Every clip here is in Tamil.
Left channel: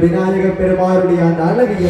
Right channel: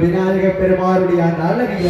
விநாயக பெருமாளுடைய அந்த அழகிய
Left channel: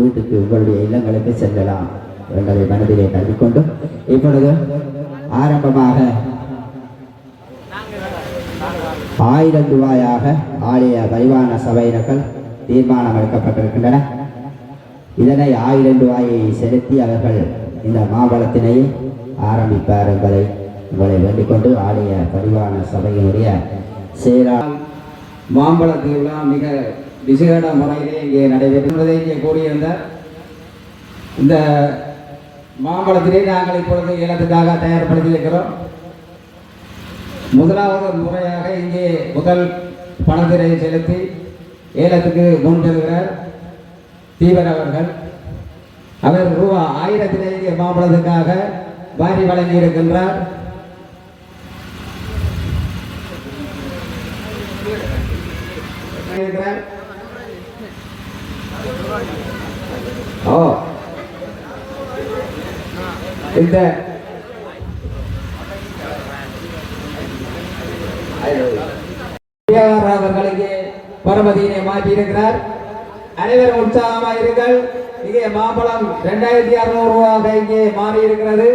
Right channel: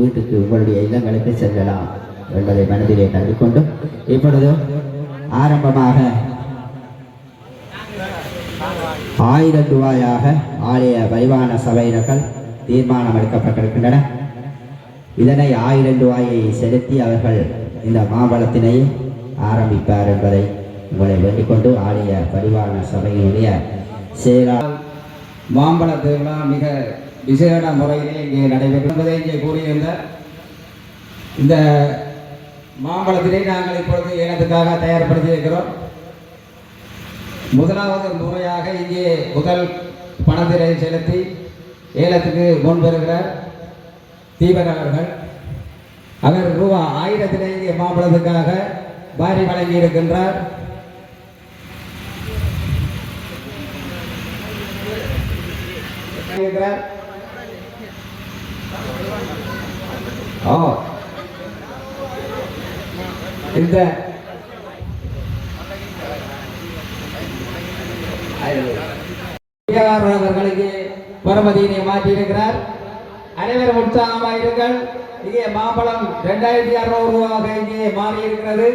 வீட்டுக்கு உங்களுடைய இல்லங்களுக்கு செல்லலாம் என்பதை மனதிலே நம்பிக்கொண்டு இப்பொழுது ஆரம்பமாக 1000 ரூபாயாக ஆலய பரிவான சபையினர்கள் தீர்மானம் எடுக்கப்பட்டிருக்கின்றன. இதனை 1000 ரூபாயை செலுத்தி அவர்கள் இந்த மாம்பழத்தினை ஆரம்பிப்பார் என்பதை உங்களை வேண்டிக்கொண்டு ஆலய பரிவான சபையினுடைய செயலாளர் மாம்பழ திருவிழா மிக விசேட முறையிலே இங்கே நடைபெறுவதை இங்கே கூறியிருந்த இந்த மாம்பழத்தினை நாங்கள் இப்பொழுது ஏலத்துக்காக தயார்படுத்தியிருக்கிறோம். முதலாவது முறையாக இங்கே முதல் பணத்தினை செலுத்தி ஏலத்துக்கு முன்பெறுகிறார் தீபன் அவர்கள். அவர் ரூபாய் 1000 இங்கே மாம்பழத்துக்காக வாரி வழங்கி இருக்கின்றார். இந்த அவர்களுக்கு பரமதியினை மாற்றி இருக்கிறார். அனைவரும் உற்சாகமாக இருங்கள். இங்கே மாம்பழம் 2600 ரூபாய் இங்கே மாறி இருக்கிறது.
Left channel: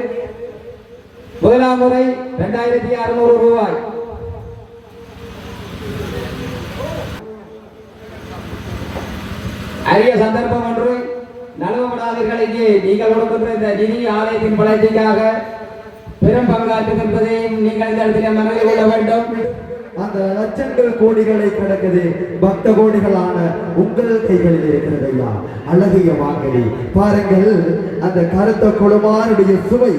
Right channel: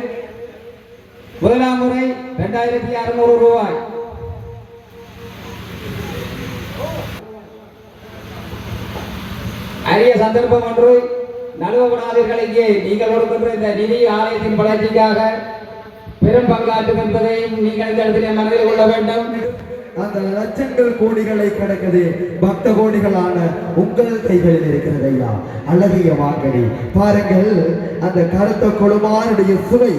முதலாம் முறை 2600 ரூபாய். அரிய சந்தர்ப்பம் ஒன்று நழுவப்படாதீர்கள். இங்கே நீங்கள் கொடுக்கின்ற இந்த நிதி ஆலயத்தின் வளர்ச்சிக்காக பெரும் பங்காற்றும் என்பதையும் நீங்கள் இந்த இடத்திலே மனதில் கொள்ள வேண்டும். அந்த லட்சங்கள் கோடிகளை கடக்குது பக்த கோடிகளான உங்கள் கைகளில் இருக்கிறது ஐயா. அழகிய மாங்கனி பாருங்கள். அந்த கருத்த கொழுமானுடைய சுவை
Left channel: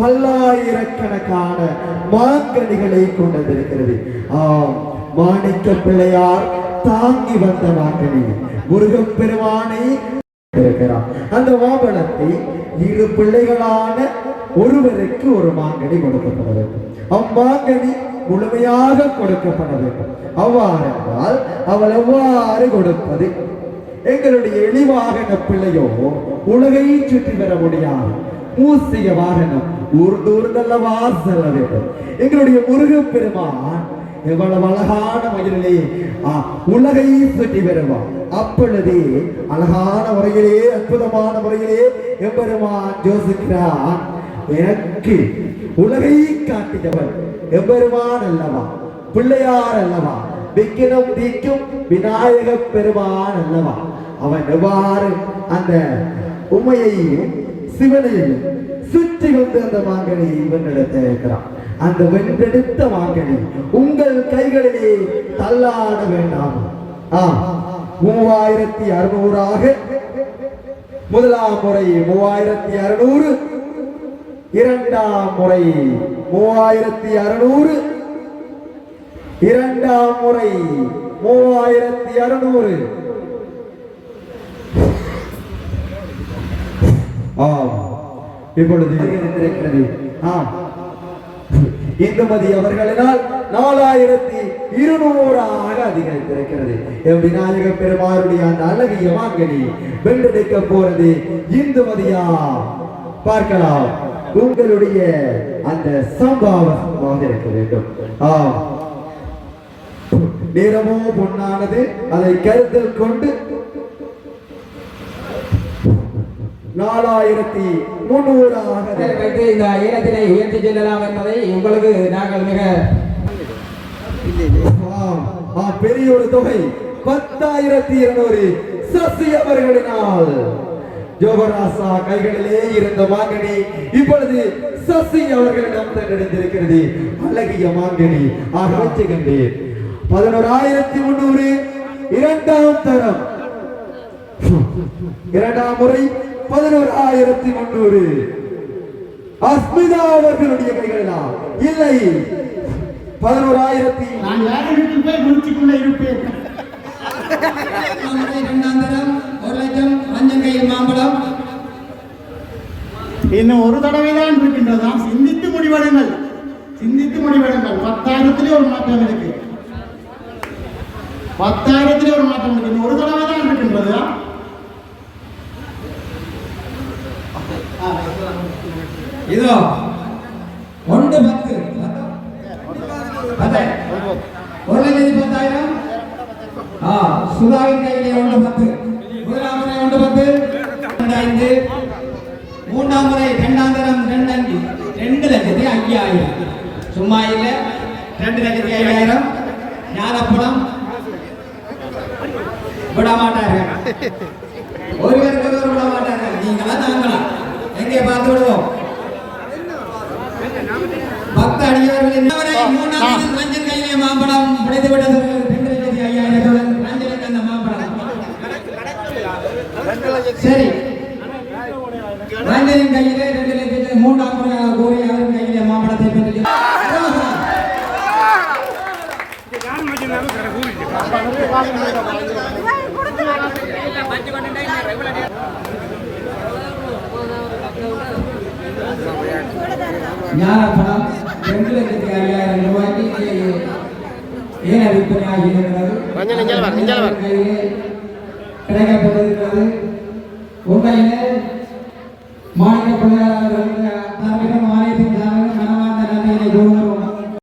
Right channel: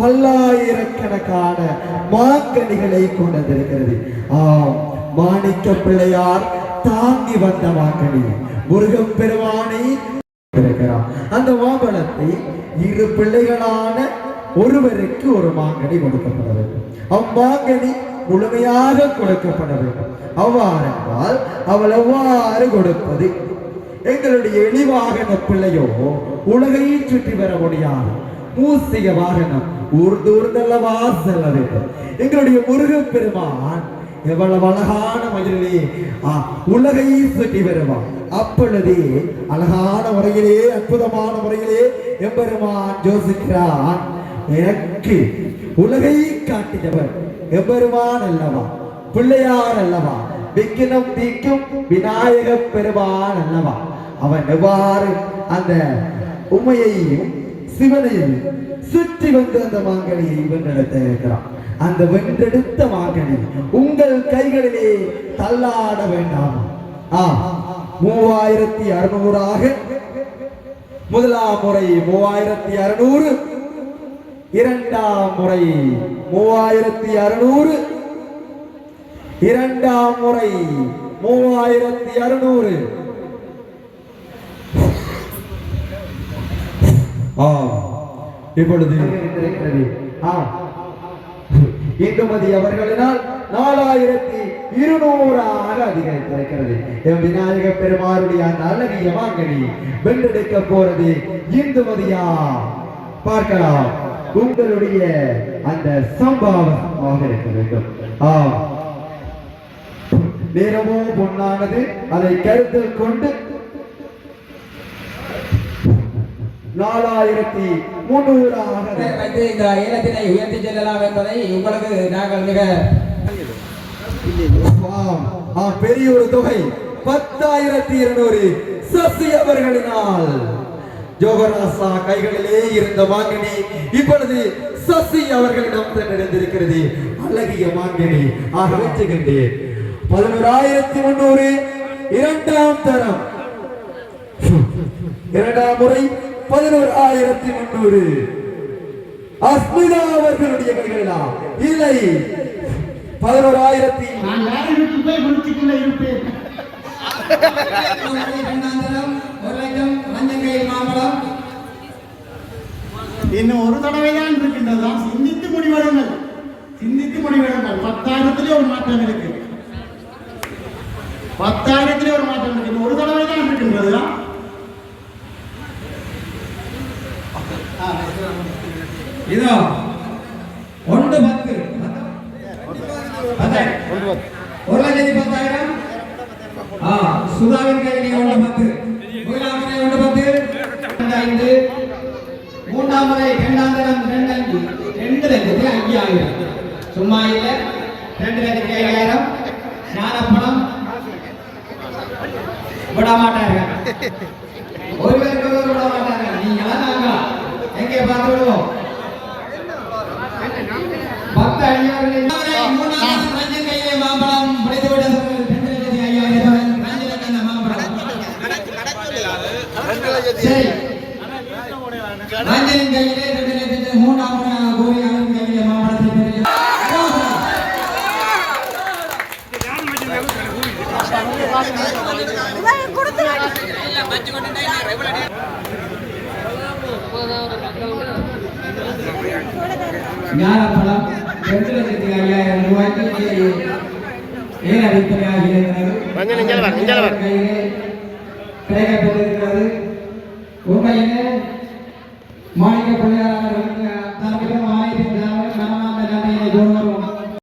பல்லாயிரக்கணக்கான மாங்கனிகளை கொண்டதிருக்கிறது. மாணிக்க பிள்ளையார் தாங்கி வந்த மாங்கனி முருகப் பெருமானை இருக்கிறார். அந்த மாம்பழத்தை 2 பிள்ளைகளான ஒருவருக்கு ஒரு மாங்கனி கொடுக்கப்பட வேண்டும். அம்மாங்கனி முழுமையாக கொடுக்கப்பட வேண்டும். அவ்வாறென்றால் அவள் எவ்வாறு கொடுப்பது? எங்களுடைய எளிவாகன பிள்ளையோ உலகை சுற்றி வர முடியாது. மூசிக வாகனம் ஊர்ந்தல்லவா செல்ல வேண்டும். எங்களுடைய முருகப் பெருமான் எவ்வளவு அழகான மயிலே உலகை சுற்றி வருவான். அப்பொழுதே அழகான முறையிலே அற்புதமான முறையிலே எம்பெருமான் யோசிக்கிறான். எனக்கு உலகை காட்டியவர் எம்பெருமான் அல்லவா, பிள்ளையார் அல்லவா, விக்கினம் தீக்கும் விநாயக பெருமான் அல்லவா. அவன் எவ்வாறு அந்த உண்மையையும் சிவனையும் சுற்றி வந்து அந்த மாங்கனியை வென்றெடுத்த இருக்கிறான். அந்த வென்றெடுத்த மாங்கனி உங்கள் கைகளிலே தள்ளாட வேண்டாம். 3600 முதலாம் முறை 3600, இரண்டாம் முறை 3600, இரண்டாம் முறை 3600. இப்பொழுது இருக்கிறது. இந்துமதி அவர்களினால் 4200 அதிகரித்திருக்கிறது. விநாயக பெருமாளுடைய அந்த அழகிய மாங்கனி வென்றெடுக்க போறது இந்துமதியா? பார்க்கலாம். உங்களுடைய அந்த சம்பாவமாக இருக்க வேண்டும். நேரமோ பொன்னானது, அதை கருத்தில் கொண்டு 4300 வைத்து இந்த ஏலத்தினை உயர்த்தி செல்லலாம் என்பதை உங்களுக்கு நாங்கள் மிக பெரிய ஒரு தொகை 10,200 சசி அவர்களினால் ஜோகராசா கைகளிலே இருந்த மாங்கனி இப்பொழுது சசி அவர்களிடம் தெரிந்திருக்கிறது. அழகிய மாங்கனி ஆக வச்சுகின்றேன். 11,300 இரண்டாம் தரம், இரண்டாம் முறை 11,300 அஸ்மிதா அவர்களுடைய கைகளா? இல்லை, 11,000 நான் யாருக்கு போய் முடிச்சுக்கொண்டே இருப்பேன். 1,00,000 மஞ்சங்கையில் மாம்பழம் இன்னும் ஒரு தடவை தான் இருக்கின்றதா? சிந்தித்து முடிவெடுங்கள், சிந்தித்து முடிவெடுங்கள். 10,000 ஒரு மாற்றம் இருக்கு, 10,000 ஒரு மாற்றம் இருக்கு. இன்னும் ஒரு தடவை தான் இருக்கின்றதா? இதோ 1,10,000 1,10,000. சுதாவின் கையிலே 1,10,000. முதலாம் முறை 1,10,000. 5 மூன்றாம் முறை 2,05,000 சும்மா இல்ல 2,05,000. ஞானப்பணம் விட மாட்டார்கள், ஒருவருக்கு ஒருவர் விட மாட்டார்கள். நீங்களா நாங்களா எங்கே பார்த்து விடுவோம். 10 அடியார்களின் மூன்றாம் ரஞ்சன் கையிலே மாம்பழம் பிடித்து விட்டது. 2,05,000 ரஞ்சனுக்கு அந்த மாம்பழம். சரி, ரஞ்சனின் கையிலே 2,05,000. மூன்றாம் முறை கூறி அவரின் கையிலே மாம்பழத்தை பெற்று ஞானப்பணம் 2,05,000 ரூபாய்க்கு ஏன் அடிப்படையாக கிடைக்கப்பட்டிருக்கிறது. உண்மையிலே மாநில